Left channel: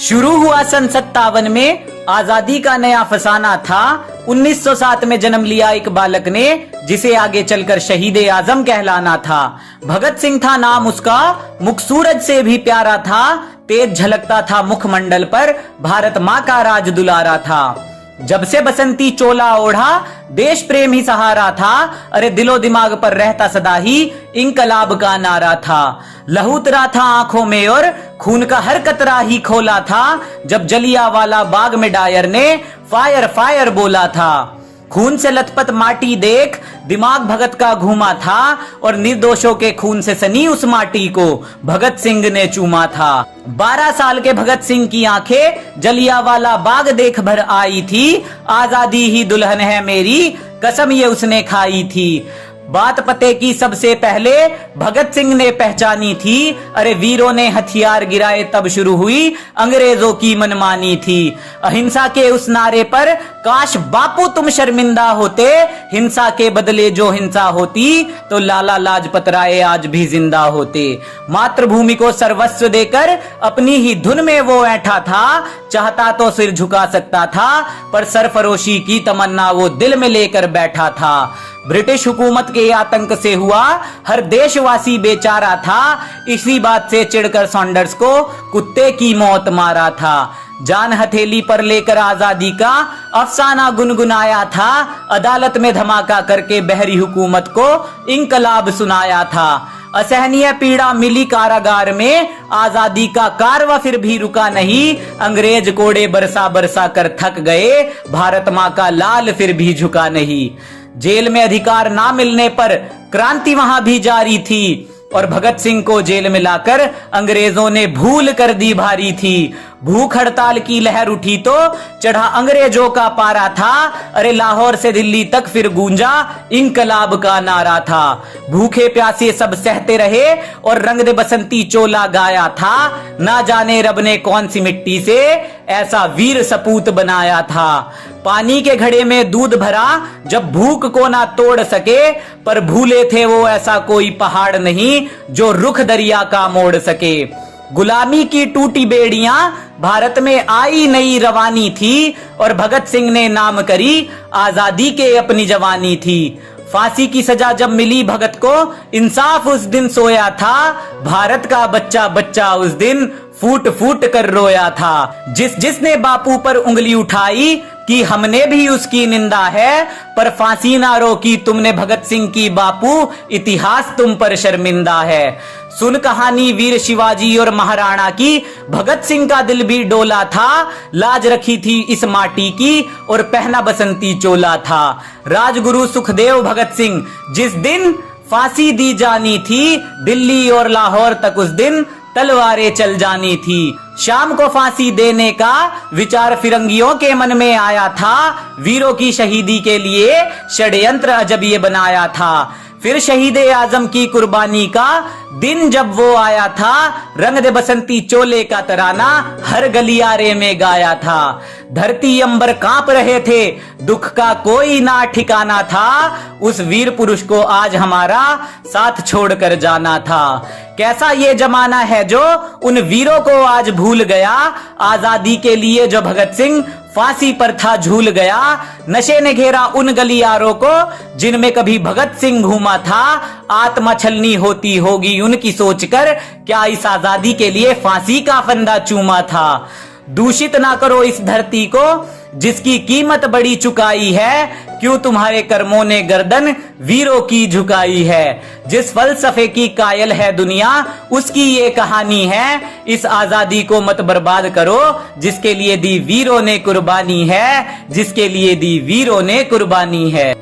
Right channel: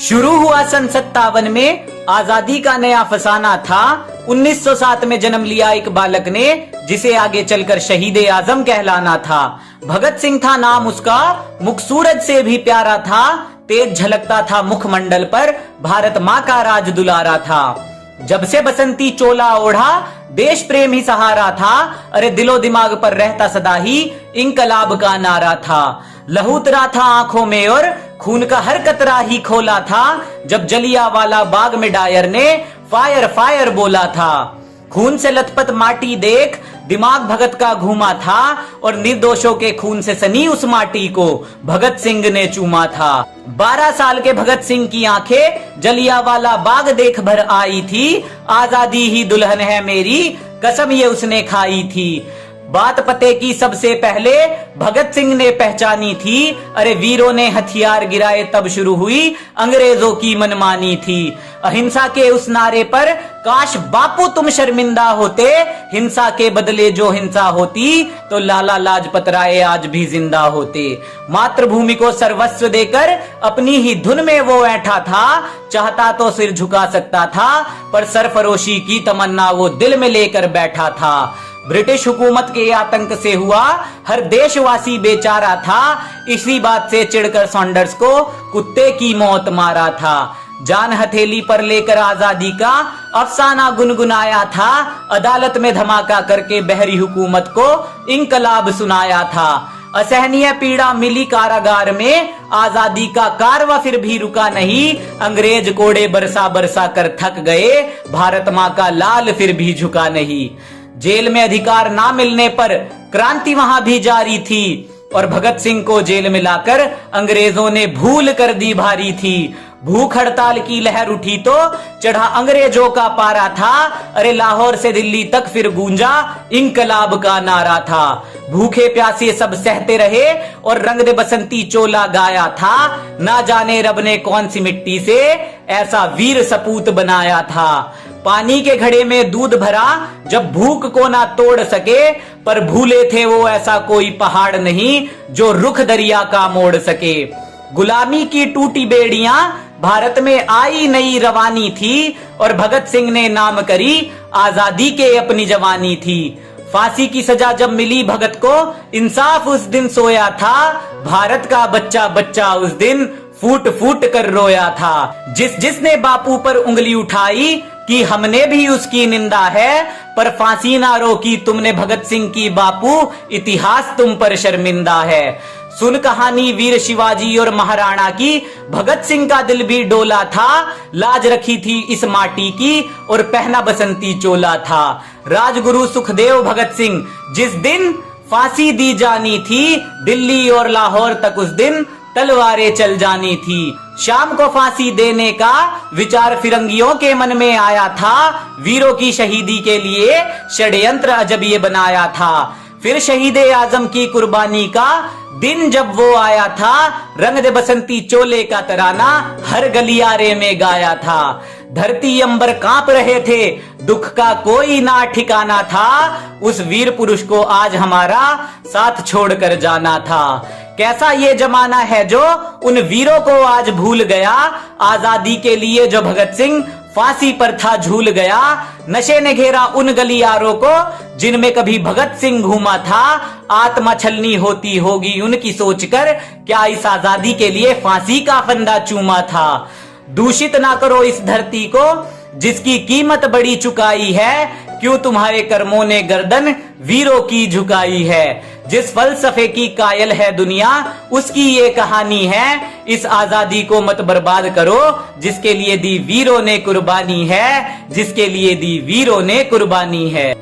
शुरू हुआ सन 57 में आजादी का नया फसाना था। 1907 में जन्म लिया एक बालक ने, जिसे आगे चलकर शहीद ए आजम कहलाना था। भगत सिंह था नाम उसका, मुख सूरज से भी प्यारा था। तेज झलकता था मुखमंडल पर, भारत माँ का राज दुलारा था। जब से बसंती चोला ओढ़ा, देश प्रेम ही सहारा था। अरे दिलो दिमाग पर रहता सदा ही इंकलाब का नारा था। लहू उतरा था आंखों में और खून का हर कतरा ही खोला था। जब जलियांवाला बाग में डायर ने फायर फायर बोला था। खून से लथपथ माटी देख दिमाग भगत का घूमा था, और निर्दोषों के खून से सनी उस माटी को भगत सिंह ने चूमा था। 12 साल के भगत सिंह की आंखें जलियांवाला बाग देख भर आई थी। आजादी ही दुल्हन है मेरी, कसम ये उसने खाई थी। बात पते की सबसे पहले भगत सिंह ने पहचानी थी। अरे वीरों ने हथियार गिराए तब शुरू हुई अंग्रेजों की मनमानी थी। अहिंसा के उस नारे पर काश बापू तुम शर्मिंदा होते। हिंसा के बदले जो हिंसा होती तो लाला लाजपत राय आज भी जिंदा होते। मातृभूमि को सर्वस्व देकर अपनी ही धुन में वो ऐठा था। चाहता तो सिर झुका सकता था, पर सरफरोशी की तमन्ना वो दिल में लेकर बैठा था। ब्रिटिश हुकूमत के आतंक से हुआ हर देशवासी बेचारा था। इसी बात से चिढ़कर सॉन्डर्स को कुत्ते की मौत मारा था। जान हथेली पर लेकर आजादी का अफसाना गुनगुनाया था। अदालत में धमाका करके बहरी हुकूमत को इंकलाब सुनाया था। असहनीय पीड़ा मिली कारागार में, आजादी का कारवा फिर भी रुका नहीं। अंग्रेज कोड़े बरसा बरसा कर थक गए, भारत माँ का लाल फिर भी झुका नहीं। जेल में अधिकार ना मिलने पर क्रांति वहां भी जारी थी, और भगत सिंह को जेल में लाकर अंग्रेजों ने भूल कर दी भारी थी। भूख हड़ताल की लहर उठी तो चढ़ा अंग्रेजों का पारा था। अरे लाहौर से दिल्ली तक फिर गूंजा इंकलाब का नारा था। भूखे प्यासे सब सहते रहे और रंग दे बसंती चोला गाया था। ना जाने रब ने कौन सी मिट्टी से ऐसा वीर सपूत बनाया था। पानी के घड़े में दूध भरा जब भूख को ना तोड़ सके, पर भूले थे वो ऐसा कोई पहाड़ नहीं जो रुख दरिया का मोड़ सके। गुलामी की टूटी बेड़ियां भारत में आई नई रवानी थी, और भगत सिंह ने नाम करी आजादी के अपनी जवानी थी। फांसी की सजा जब मिली भगत को, इंसाफ उस दिन सोया था। भारत का बच्चा बच्चा उस दिन फूट फूट कर रोया था। जिसने बापू पर उंगली उठाई कि हमने भी उसकी निंदा है, पर फांसी ना रोकी तुमने भगत सिंह की बापू, इतिहास तुम पर शर्मिंदा है। सुन कहानी वीर शिवाजी और महाराणा की, भगत सिंह का दिल भी डोला था। लाज रखी थी इस माटी की और पहना बसंती चोला था। राजगुरु सुखदेव भगत सिंह जिस दिन फांसी दी जानी थी, दिल्ली और लाहौर तक उस दिन तलवारें चल जानी थी। शाम को फांसी देने का विचार फिरंगियों के मन में आया था। वीरों की शहीदी के लिए षड्यंत्र अजब ये बनाया था। फिर शहीद ए आजम की कुर्बानी का दिन जब वो आया था, रंग दे बसंती चोले का तराना हर गलियारे में गाया था। धरती अंबर कांप रहे थे, दुख का कोई ना ठिकाना था। उस वीर पुरुष को आज हमारा साथ छोड़कर जाना था। कैसा ये जमाना है जो उन वीरों को आज भूल गया। आजादी के लिए जो भगत सिंह फांसी पर था झूल गया। नशे ने घेरा उन गलियारों को जिनमें कभी भगत सिंह घूमा था। आत्मा छलनी होती होगी उनकी सोचकर, क्या इस आजादी के लिए फांसी का फंदा चूमा था। दूषित ना करो इस धरती को जिसकी कीमत बड़ी चुकाई है। क्यों तुम्हारे कर्मों ने गर्दन वीरों की झुकाई है। जिस फलसफे की कायल है दुनिया, उसकी ये कहानी है। इस आजादी को मत बर्बाद करो जिसके लिए दी वीरों ने कुर्बानी है, जिसके लिए दी वीरों ने कुर्बानी है।